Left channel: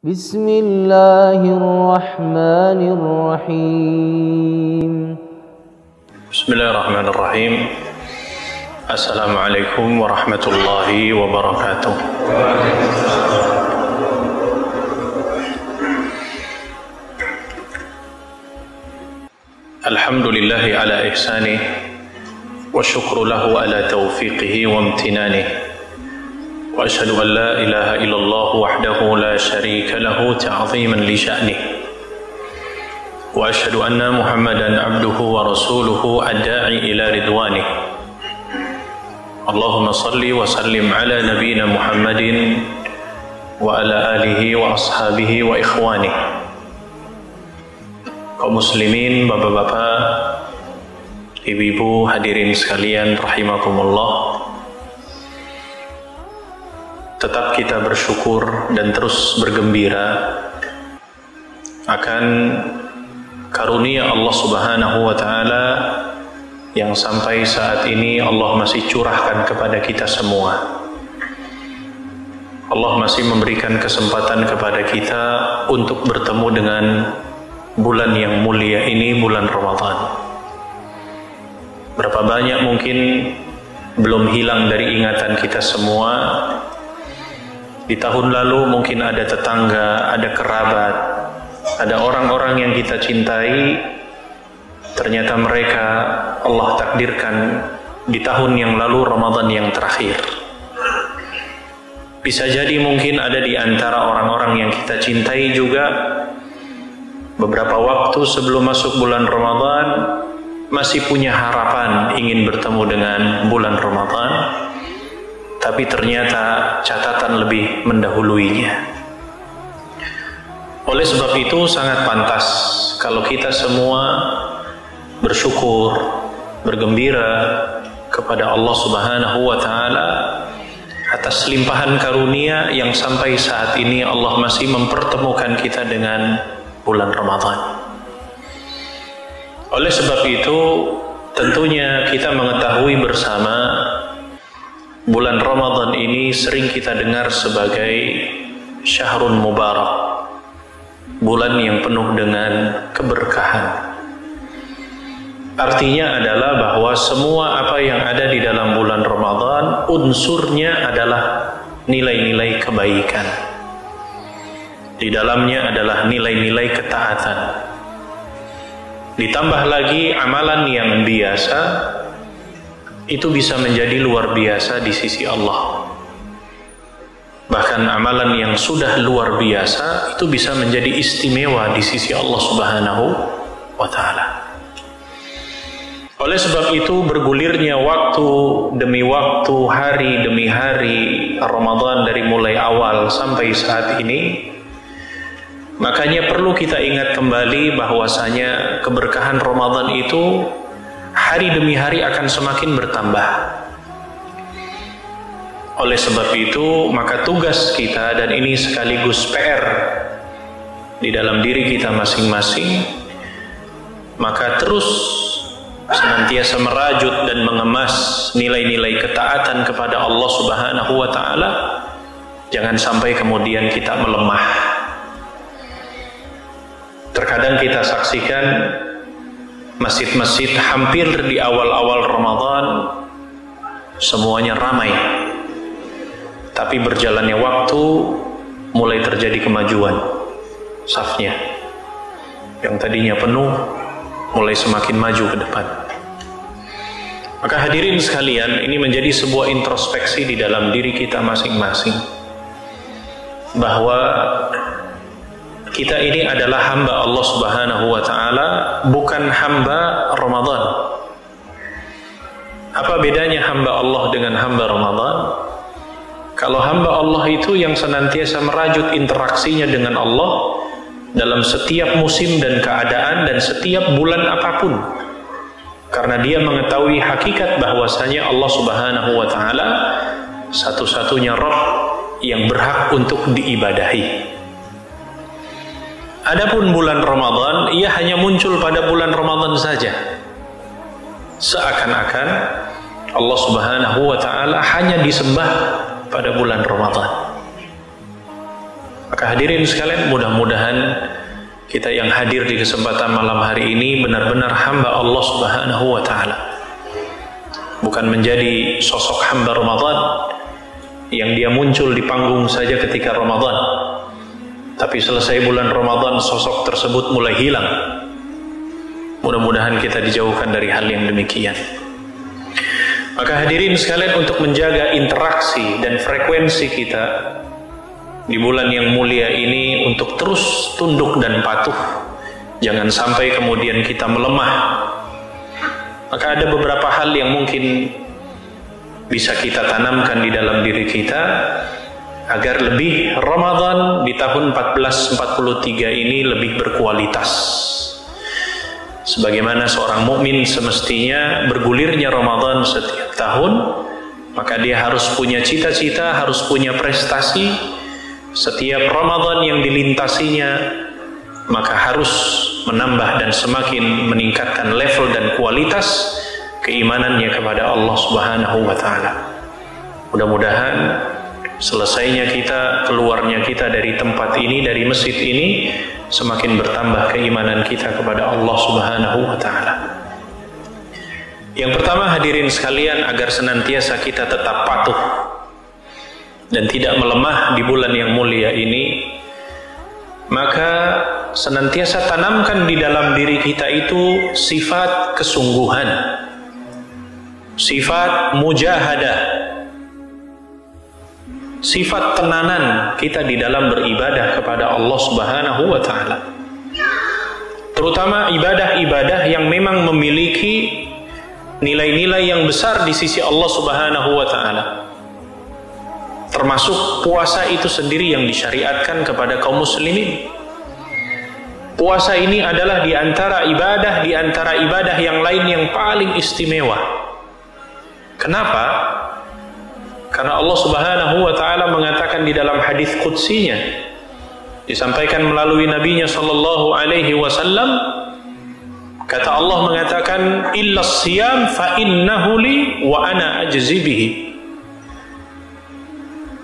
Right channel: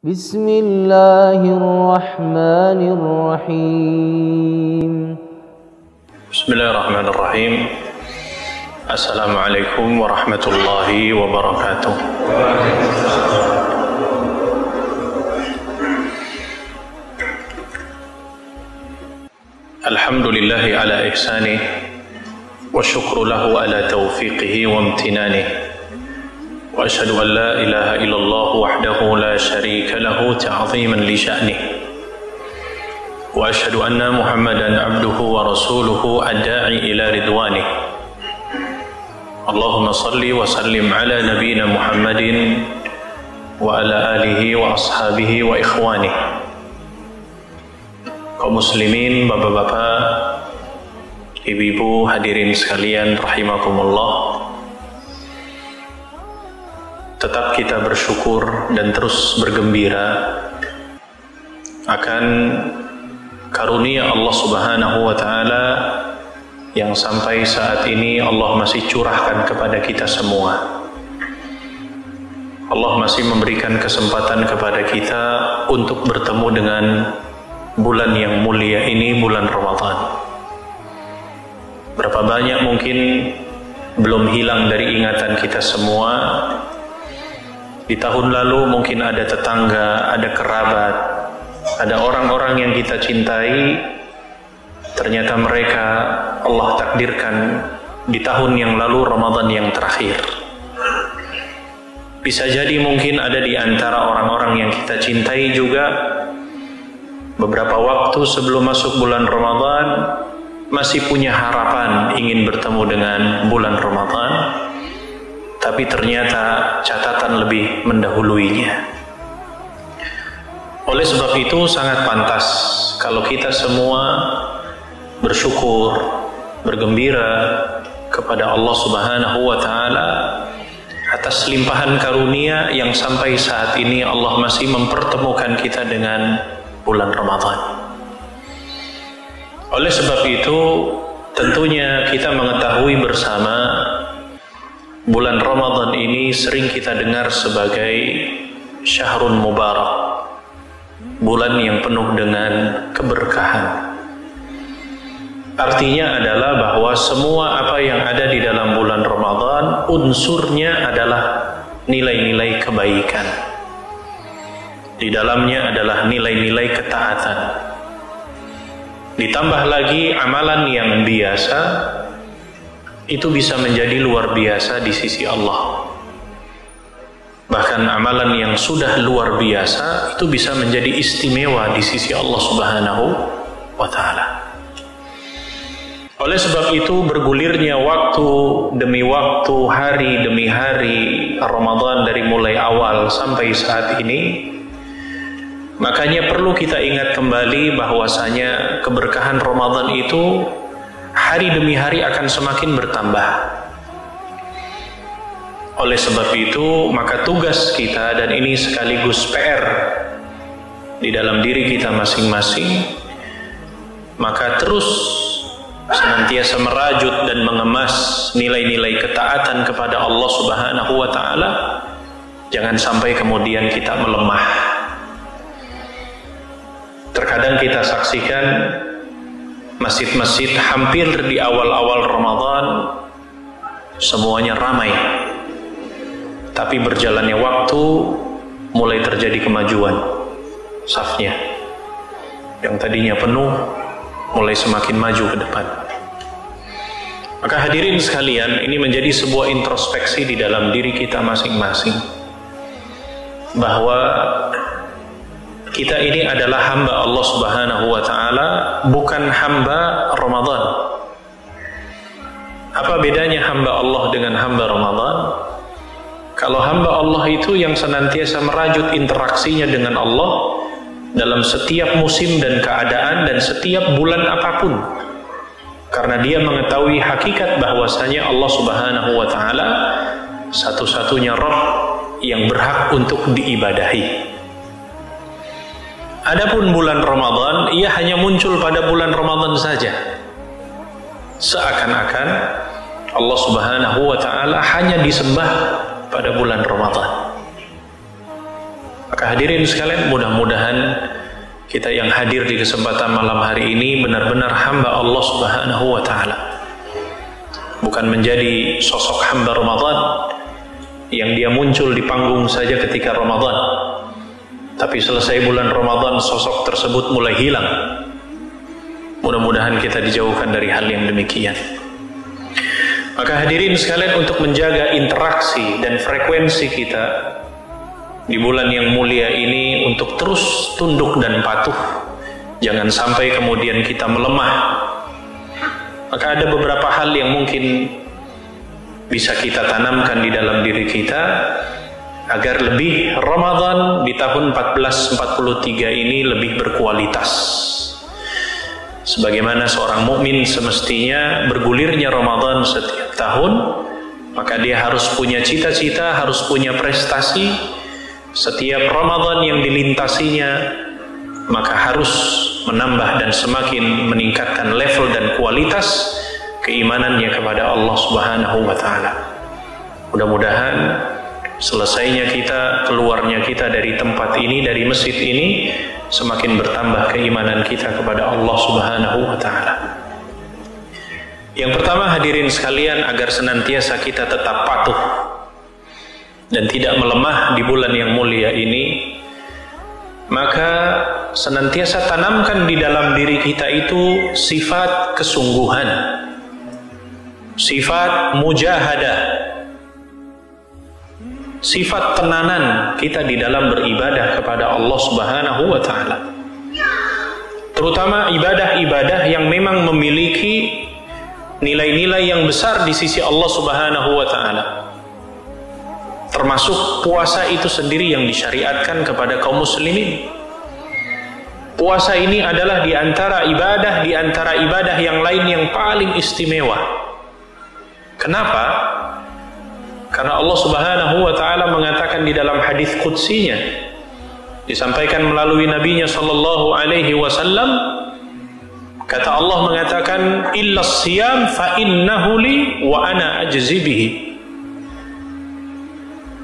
Bismillahirrahmanirrahim. Bismillahirrahmanirrahim. Assalamualaikum warahmatullahi wabarakatuh. Alhamdulillahi ala ihsanih wa syukru lahu ala taufiqihi wa amtinanih. Wa ashhadu an la ilaha illallah wahdahu la syarika lahu ta'ziman li sya'nih. Wa ashhadu anna Muhammadan abduhu wa rasuluhu ad-da'i ila ridwanih. Allahumma salli wa sallim ala nabiyyina Muhammadin wa ala alihi wa ashabihi wa ikhwanih. Kaum muslimin, bapak-bapak, ibu-ibu, hadirin sekalian rahimakumullah. Tetap kita bersyukur dan terus bergembira akan karunia Allah Subhanahu wa taala yang sampai saat ini Allah masih curahkan kepada kita semua. Allah masih memberikan kesempatan kepada kita untuk bertemu dengan bulan yang mulia ini, bulan Ramadan. Berapa banyak mungkin belum hilang dari ingatan kita semua. Di tahun lalu mungkin ada tetangga, ada kerabat, ada orang-orang yang kita cintai, ternyata mereka Allah takdirkan di tahun yang lalu Ramadan yang terakhir. Bisa jadi mungkin ada di antara orang-orang yang kita cintai juga beberapa waktu sebelum masuk bulan Ramadan masih punya harapan ingin bertemu dengan bulan Ramadan, tapi ternyata catatan lebih mendahuluinya. Oleh sebab itu sangat pantas kalau kita semua bersyukur, bergembira kepada Allah Subhanahu wa taala atas limpahan karunia yang sampai saat ini Allah masih mempertemukan kita dengan bulan Ramadan. Oleh sebab itu tentunya kita mengetahui bersama bulan Ramadan ini sering kita dengar sebagai syahrun mubarak, bulan yang penuh dengan keberkahan. Artinya adalah bahwa semua apa yang ada di dalam bulan Ramadan unsurnya adalah nilai-nilai kebaikan. Di dalamnya adalah nilai-nilai ketaatan. Ditambah lagi amalan yang biasa itu bisa menjadi luar biasa di sisi Allah. Bahkan amalan yang sudah luar biasa itu bisa menjadi istimewa di sisi Allah Subhanahu wa taala. Oleh sebab itu bergulirnya waktu demi waktu, hari demi hari Ramadan dari mulai awal sampai saat ini, makanya perlu kita ingat kembali bahwasanya keberkahan Ramadan itu hari demi hari akan semakin bertambah. Oleh sebab itu, maka tugas kita, dan ini sekaligus PR di dalam diri kita masing-masing, maka terus senantiasa merajut dan mengemas nilai-nilai ketaatan kepada Allah Subhanahu wa taala. Jangan sampai kemudian kita melemah. Terkadang kita saksikan masjid-masjid hampir di awal-awal Ramadan semuanya ramai, tapi berjalannya waktu mulai terjadi kemajuan safnya. Yang tadinya penuh mulai semakin maju ke depan. Maka hadirin sekalian, ini menjadi sebuah introspeksi di dalam diri kita masing-masing, bahwa kita ini adalah hamba Allah Subhanahu wa taala, bukan hamba Ramadan. Apa bedanya hamba Allah dengan hamba Ramadan? Kalau hamba Allah itu yang senantiasa merajut interaksinya dengan Allah dalam setiap musim dan keadaan dan setiap bulan apapun, karena dia mengetahui hakikat bahwasanya Allah Subhanahu wa taala satu-satunya Rabb yang berhak untuk diibadahi. Adapun bulan Ramadan, ia hanya muncul pada bulan Ramadan saja. Seakan-akan Allah Subhanahu wa taala hanya disembah pada bulan Ramadan. Maka hadirin sekalian, mudah-mudahan kita yang hadir di kesempatan malam hari ini benar-benar hamba Allah Subhanahu wa Ta'ala, bukan menjadi sosok hamba Ramadan yang dia muncul di panggung saja ketika Ramadan, tapi selesai bulan Ramadan sosok tersebut mulai hilang. Mudah-mudahan kita dijauhkan dari hal yang demikian. Maka hadirin sekalian, untuk menjaga interaksi dan frekuensi kita di bulan yang mulia ini untuk terus tunduk dan patuh, jangan sampai kemudian kita melemah, maka ada beberapa hal yang mungkin bisa kita tanamkan di dalam diri kita agar lebih Ramadan di tahun 1443 ini lebih berkualitas. Sebagaimana seorang mukmin semestinya bergulirnya Ramadan setiap tahun, maka dia harus punya cita-cita, harus punya prestasi. Setiap Ramadan yang dilintasinya, maka harus menambah dan semakin meningkatkan level dan kualitas keimanannya kepada Allah Subhanahu wa Ta'ala. Mudah-mudahan selesainya kita, keluarnya kita dari tempat ini, dari masjid ini, semakin bertambah keimanan kita kepada Allah Subhanahu wa Ta'ala. Yang pertama, hadirin sekalian, agar senantiasa kita tetap patuh dan tidak melemah di bulan yang mulia ini, maka senantiasa tanamkan di dalam diri kita itu sifat kesungguhan, sifat mujahadah, sifat tenanan kita di dalam beribadah kepada Allah Subhanahu wa Ta'ala. Terutama ibadah-ibadah yang memang memiliki nilai-nilai yang besar di sisi Allah Subhanahu wa Ta'ala. Termasuk puasa itu sendiri yang disyariatkan kepada kaum muslimin. Puasa ini adalah di antara ibadah yang lain yang paling istimewa. Kenapa? Karena Allah Subhanahu wa Ta'ala mengatakan di dalam hadis qudsinya, disampaikan melalui nabinya sallallahu alaihi wasallam, kata Allah mengatakan, illa siyam fa innahu li wa ana ajzi bihi.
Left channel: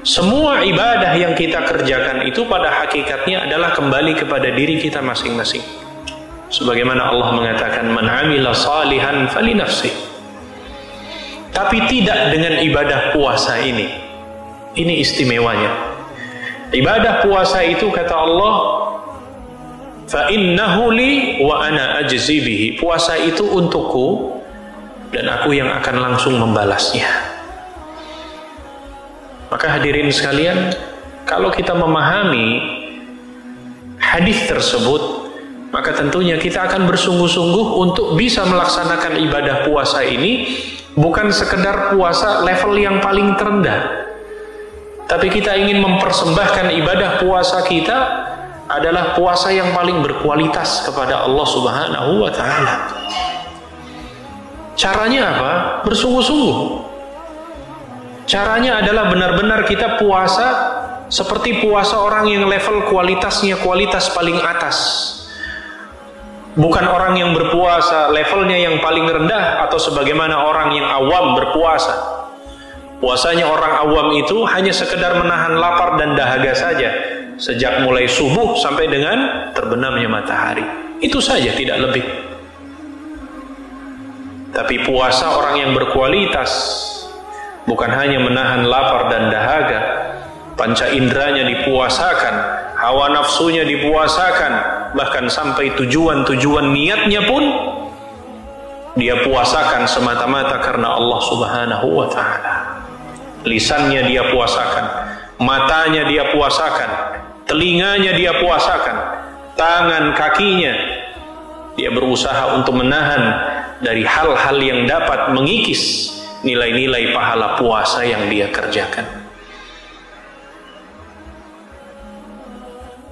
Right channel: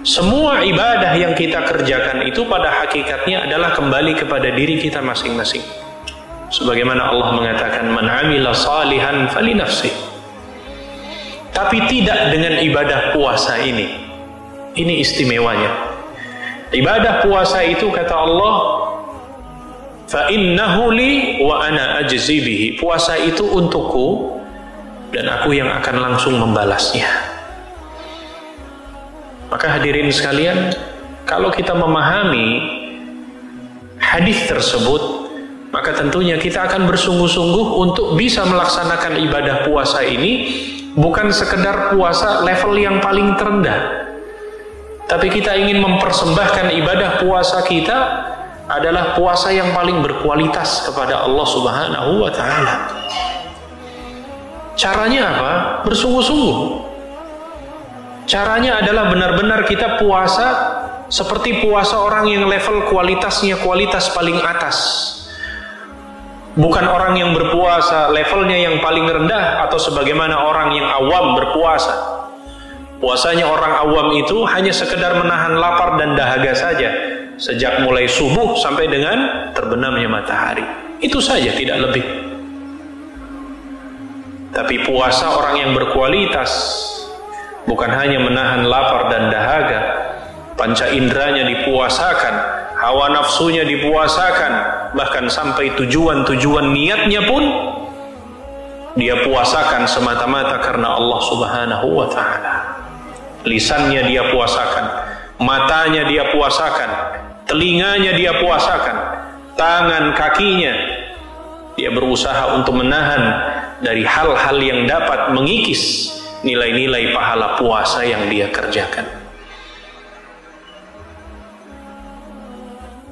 Semua ibadah yang kita kerjakan itu pada hakikatnya adalah kembali kepada diri kita masing-masing. Sebagaimana Allah mengatakan, man amila salihan fali nafsih. Tapi tidak dengan ibadah puasa ini. Ini istimewanya. Ibadah puasa itu kata Allah, fa innahu li wa ana ajzi bihi. Puasa itu untukku dan aku yang akan langsung membalasnya. Maka hadirin sekalian, kalau kita memahami hadis tersebut, maka tentunya kita akan bersungguh-sungguh untuk bisa melaksanakan ibadah puasa ini, bukan sekedar puasa level yang paling terendah, tapi kita ingin mempersembahkan ibadah puasa kita adalah puasa yang paling berkualitas kepada Allah Subhanahu wa Ta'ala. Caranya apa? Bersungguh-sungguh. Caranya adalah benar-benar kita puasa seperti puasa orang yang level kualitasnya kualitas paling atas. Bukan orang yang berpuasa levelnya yang paling rendah atau sebagaimana orang yang awam berpuasa. Puasanya orang awam itu hanya sekedar menahan lapar dan dahaga saja, sejak mulai subuh sampai dengan terbenamnya matahari. Itu saja, tidak lebih. Tapi puasa orang yang berkualitas bukan hanya menahan lapar dan dahaga, panca inderanya dipuasakan, hawa nafsunya dipuasakan, bahkan sampai tujuan-tujuan niatnya pun dia puasakan semata-mata karena Allah Subhanahu wa Ta'ala. Lisannya dia puasakan, matanya dia puasakan, telinganya dia puasakan, tangan kakinya dia berusaha untuk menahan dari hal-hal yang dapat mengikis nilai-nilai pahala puasa yang dia kerjakan.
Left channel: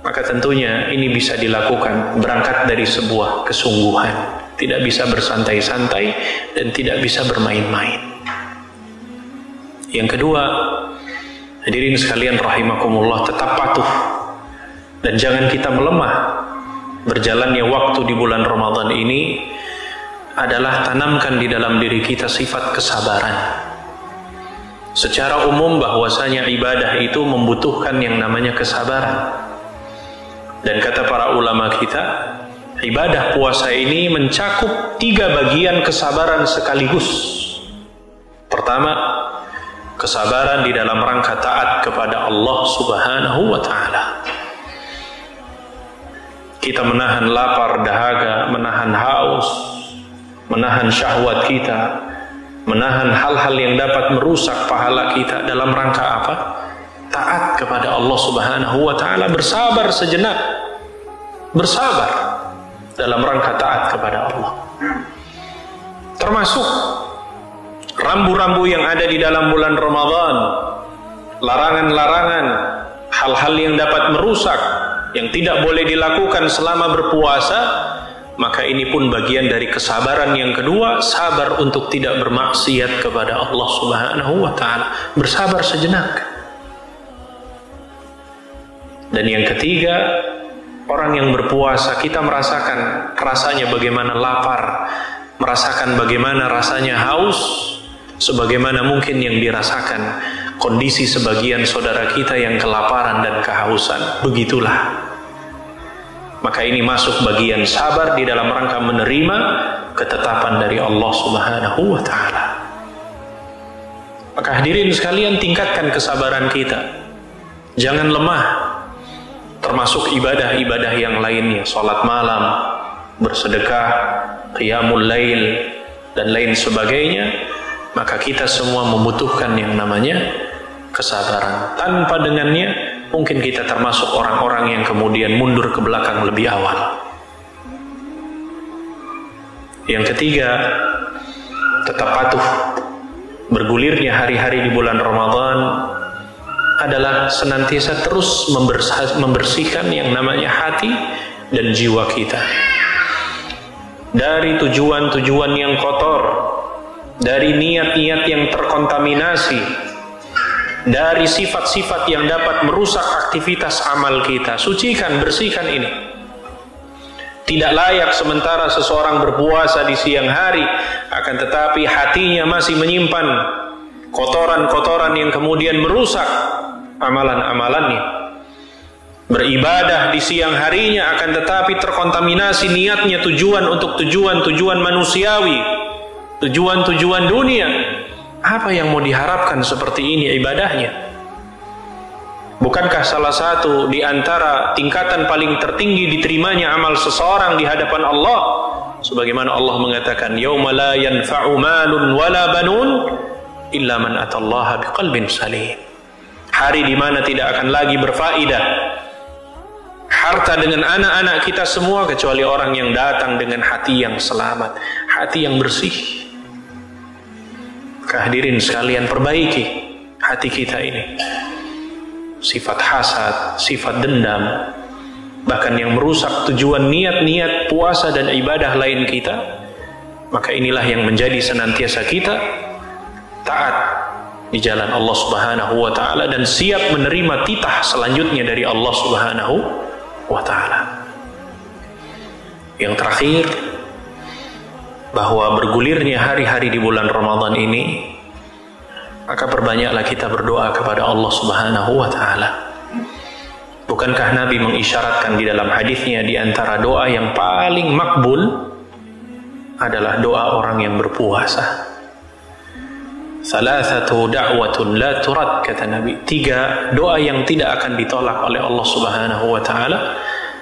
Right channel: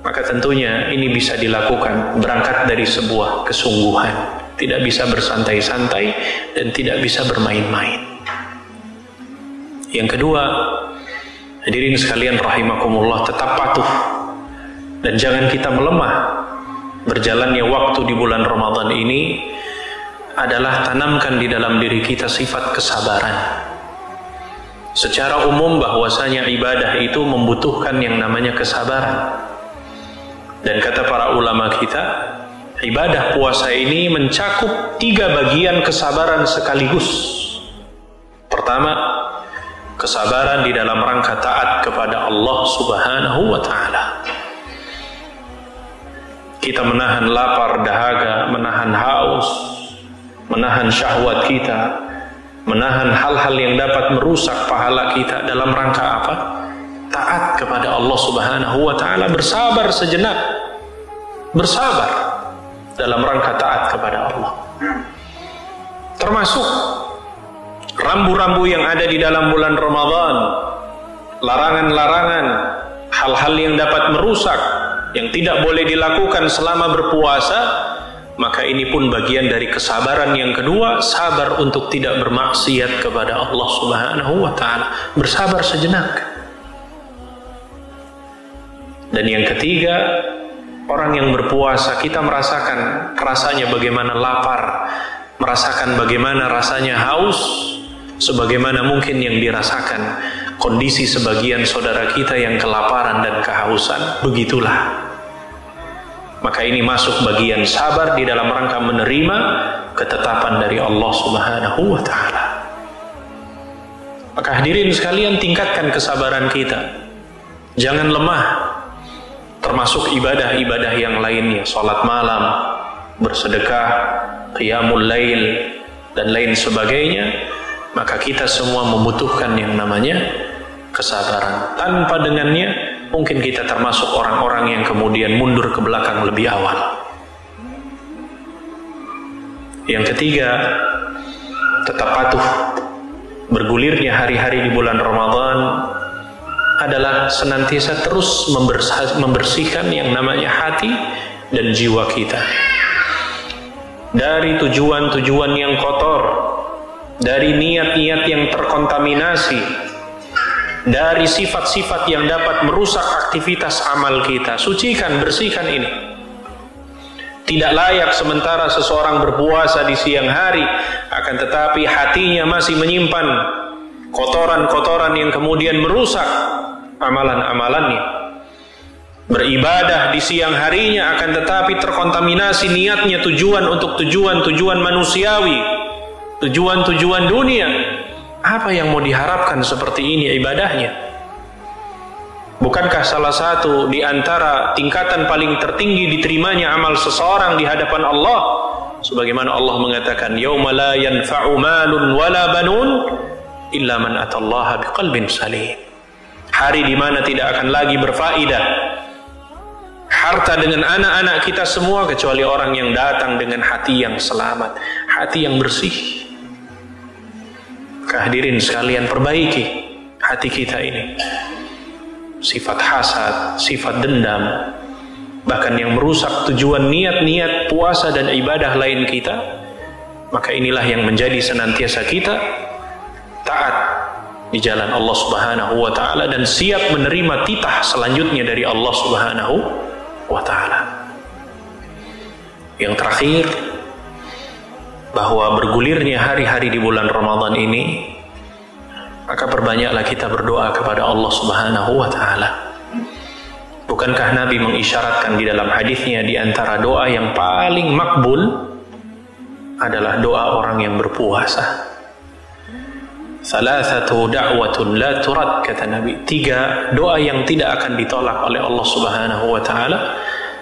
Maka tentunya ini bisa dilakukan berangkat dari sebuah kesungguhan, tidak bisa bersantai-santai dan tidak bisa bermain-main. Yang kedua, hadirin sekalian rahimakumullah, tetap patuh dan jangan kita melemah. Berjalannya waktu di bulan Ramadan ini adalah tanamkan di dalam diri kita sifat kesabaran. Secara umum bahwasanya ibadah itu membutuhkan yang namanya kesabaran. Dan kata para ulama kita, ibadah puasa ini mencakup 3 bagian kesabaran sekaligus. Pertama, kesabaran di dalam rangka taat kepada Allah Subhanahu wa ta'ala. Kita menahan lapar dahaga, menahan haus, menahan syahwat kita, menahan hal-hal yang dapat merusak pahala kita dalam rangka apa? Taat kepada Allah Subhanahu wa ta'ala, bersabar sejenak, bersabar dalam rangka taat kepada Allah. Termasuk rambu-rambu yang ada di dalam bulan Ramadan, larangan-larangan, hal-hal yang dapat merusak, yang tidak boleh dilakukan selama berpuasa, maka ini pun bagian dari kesabaran yang kedua, sabar untuk tidak bermaksiat kepada Allah Subhanahu wa ta'ala, bersabar sejenak. Dan yang ketiga, orang yang berpuasa, kita merasakan rasanya bagaimana lapar, merasakan bagaimana rasanya haus, sebagaimana mungkin yang dirasakan kondisi sebagian saudara kita yang kelaparan dan kehausan. Begitulah. Maka ini masuk bagian sabar di dalam rangka menerima ketetapan dari Allah Subhanahu wa ta'ala. Maka hadirin sekalian, tingkatkan kesabaran kita. Jangan lemah. Termasuk ibadah-ibadah yang lainnya, salat malam, bersedekah, qiyamul lail, dan lain sebagainya. Maka kita semua membutuhkan yang namanya kesabaran. Tanpa dengannya, mungkin kita termasuk orang-orang yang kemudian mundur ke belakang lebih awal. Yang ketiga, tetap patuh. Bergulirnya hari-hari di bulan Ramadan adalah senantiasa terus membersihkan yang namanya hati dan jiwa kita dari tujuan-tujuan yang kotor, dari niat-niat yang terkontaminasi, dari sifat-sifat yang dapat merusak aktivitas amal kita. Sucikan, bersihkan ini. Tidak layak sementara seseorang berpuasa di siang hari, akan tetapi hatinya masih menyimpan kotoran-kotoran yang kemudian merusak amalan-amalannya. Beribadah di siang harinya, akan tetapi terkontaminasi niatnya, tujuan untuk tujuan-tujuan manusiawi, tujuan-tujuan dunia. Apa yang mau diharapkan seperti ini ibadahnya? Bukankah salah satu di antara tingkatan paling tertinggi diterimanya amal seseorang di hadapan Allah, sebagaimana Allah mengatakan, yauma la yanfa'u malun wala banun illa man atallaha biqalbin salim. Hari di mana tidak akan lagi berfaedah harta dengan anak-anak kita semua kecuali orang yang datang dengan hati yang selamat, hati yang bersih. Hadirin sekalian, perbaiki hati kita ini. Sifat hasad, sifat dendam, bahkan yang merusak tujuan niat-niat puasa dan ibadah lain kita, maka inilah yang menjadi senantiasa kita taat di jalan Allah Subhanahu wa ta'ala dan siap menerima titah selanjutnya dari Allah Subhanahu wa ta'ala. Yang terakhir, bahwa bergulirnya hari-hari di bulan Ramadan ini, maka perbanyaklah kita berdoa kepada Allah Subhanahu wa ta'ala. Bukankah Nabi mengisyaratkan di dalam hadisnya, di antara doa yang paling makbul adalah doa orang yang berpuasa. Salasatu da'watun la turad, kata Nabi. 3 doa yang tidak akan ditolak oleh Allah Subhanahu wa ta'ala.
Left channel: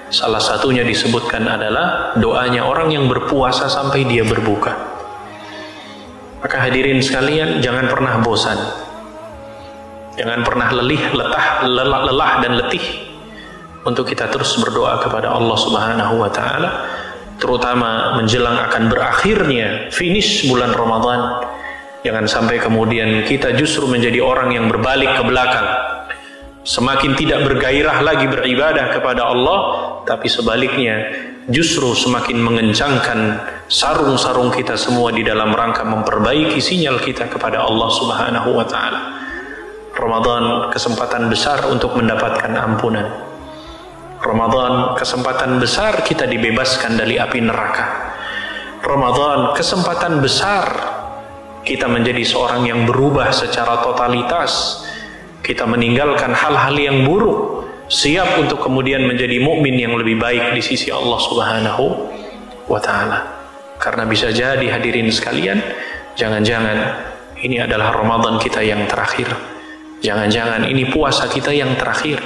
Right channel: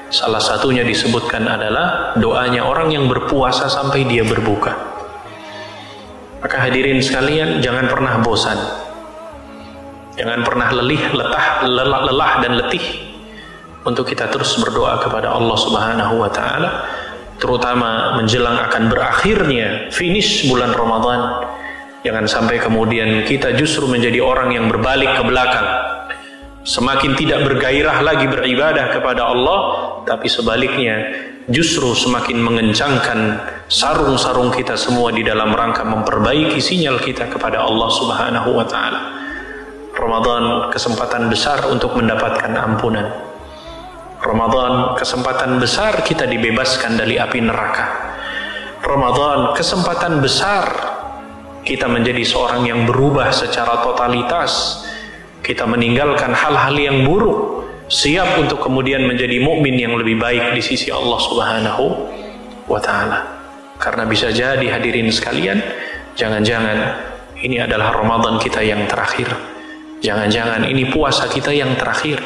Salah satunya disebutkan adalah doanya orang yang berpuasa sampai dia berbuka. Maka hadirin sekalian, jangan pernah bosan, jangan pernah lelah dan letih untuk kita terus berdoa kepada Allah Subhanahu wa ta'ala, terutama menjelang akan berakhirnya finish bulan Ramadan. Jangan sampai kemudian kita justru menjadi orang yang berbalik ke belakang, semakin tidak bergairah lagi beribadah kepada Allah, tapi sebaliknya justru semakin mengencangkan sarung-sarung kita semua di dalam rangka memperbaiki sinyal kita kepada Allah Subhanahu wa ta'ala. Ramadan kesempatan besar untuk mendapatkan ampunan. Ramadan kesempatan besar kita dibebaskan dari api neraka. Ramadan kesempatan besar kita menjadi seorang yang berubah secara totalitas. Kita meninggalkan hal-hal yang buruk siap untuk kemudian menjadi mukmin yang lebih baik di sisi Allah Subhanahu wa Ta'ala. Karena bisa jadi hadirin sekalian, jangan-jangan ini adalah Ramadan kita yang terakhir, jangan-jangan ini puasa kita yang terakhir,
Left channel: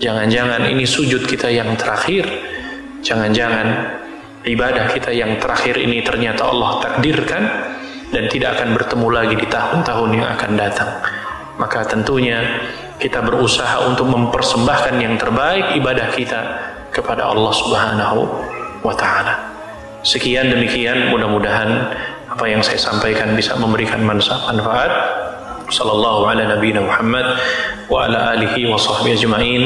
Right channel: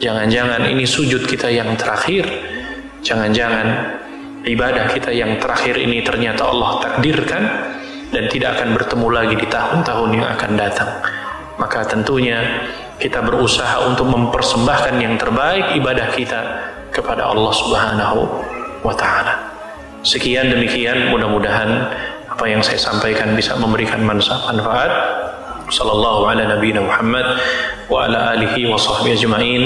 jangan-jangan ini sujud kita yang terakhir, jangan-jangan ibadah kita yang terakhir ini ternyata Allah takdirkan dan tidak akan bertemu lagi di tahun-tahun yang akan datang. Maka tentunya kita berusaha untuk mempersembahkan yang terbaik ibadah kita kepada Allah Subhanahu wa Ta'ala. Sekian demikian, mudah-mudahan apa yang saya sampaikan bisa memberikan manfaat. Sallallahu ala nabiyina Muhammad wa ala alihi wa sahbihi ajma'in.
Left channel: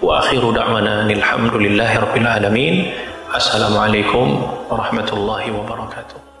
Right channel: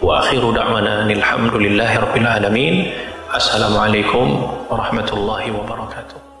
Wa akhiru da'wana alhamdulillahi rabbil alamin. Assalamualaikum warahmatullahi wabarakatuh.